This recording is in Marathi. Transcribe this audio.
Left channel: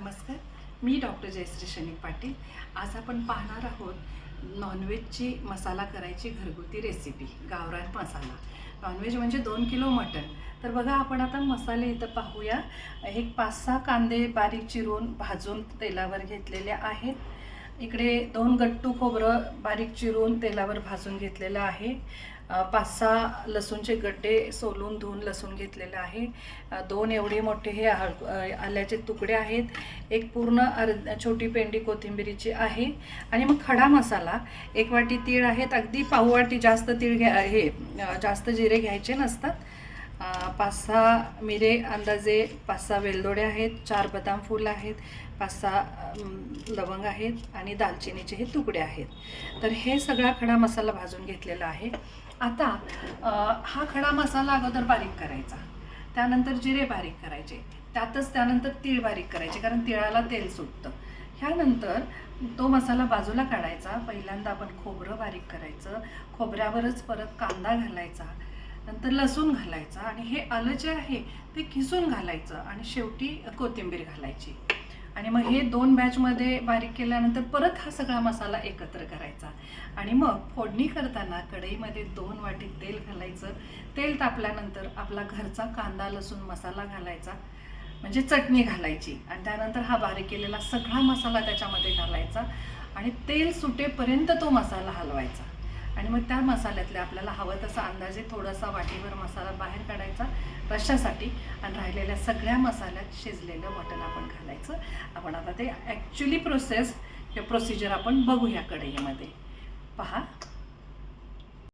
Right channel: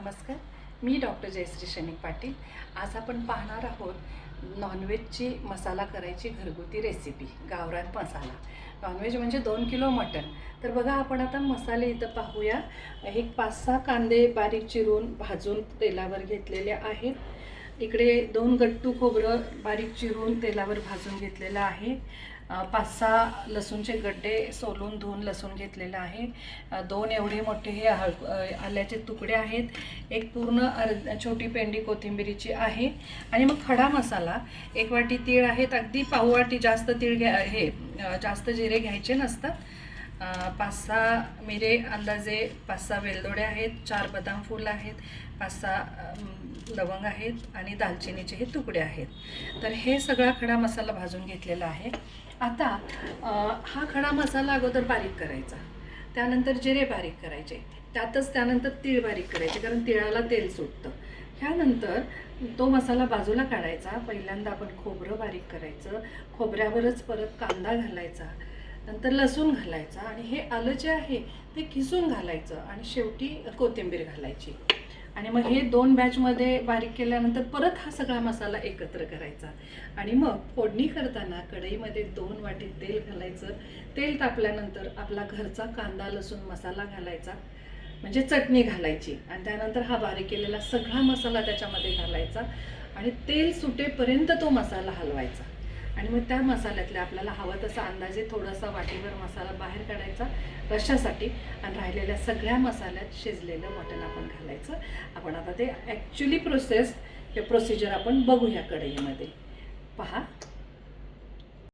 नमस्कार, मी डॉक्टर जयश्री शैनिक पाटील। आज आपण पाहणार आहोत नॉनव्हेजची मसाला करायची घरगुती रेसिपी, गावरान मसाला। नॉनव्हेज म्हणजे 2 किलो मटण। तर बघा, आपण आता मसाले इथं पाहूया। एक 5-6 कांदे बारीक चिरून भाजून तेलावर घेतलेले आहेत। इकडे 2 गट्टू खोबरं बारीक चिरून तेलावर भाजून घेतलेलं आहे। 5-6 लसूणचे गड्डे सोलून धुवून लसूण घेतलेलं आहे। 2 एवढे मोठे हे आल्याचे तुकडे आहेत। एक पूर्ण छोटी पेंडी कोथिंबीरीची आहे। आणि मग खडा मसाला 1 वाटी तीळ आहेत, अगदी पाव वाटी जास्त तीळ जास्त जिरे घ्यायचे नसतात। 5-6 मिरे अंदाजे, 5-6 वेलदोडे आहेत, 4 बदाम फूल आहेत, 5-6 लवंग आहेत आणि दालचिनीचे हे तुकडे आहेत। तर हे सगळा खडा मसाला भाजून घेतलेला आहे। आता हा खडा मसाला अगोदर बारीक करायचा, त्यानंतर जिरे बारीक करायचे, त्यानंतर तीळ बारीक करायचे, कारण तिळाला तेल सुटतं। ह्यानंतर तो मसाला बाजूला काढायचा। पहिल्यांदा आपण खोबरं बारीक करायचं, खोबऱ्यावरच परत कांदा घालायचा, नंतर लसूण घालायचा आणि हे आलं जे आहे ते किसून घालायचं आणि शेवटी कोथिंबीर घालायची। आणि मग हे 2 बॅचमध्ये बारीक केल्यानंतर परत हा सगळा मसाला एकत्र करायचा। आणि मग फोडणी करताना कढईमध्ये 2 वाटी तेल घालायचं। तेल तापल्यानंतर आपला घरचा कांदा लसूण मसाला घालायचा, म्हणजे चटणी घालायची, आणि त्यानंतर हा बारीक केलेला सगळा मसाला त्याच्यामध्ये घालायचा आणि तेल सुटेपर्यंत तो मसाला हलवायचा। आणि मग त्या मसाल्यातले आपल्याला हवं तसा अंदाजे थोडासा वाटीभर मसाला बाहेर काढायचा रश्श्यासाठी, आणि राहिलेल्या सगळ्या मसाल्यात शिजलेलं मटण आपण घालायचं। आपण आता ते ॲक्च्युली प्रोसिजर आपण बघूया कढईमध्ये। पहा,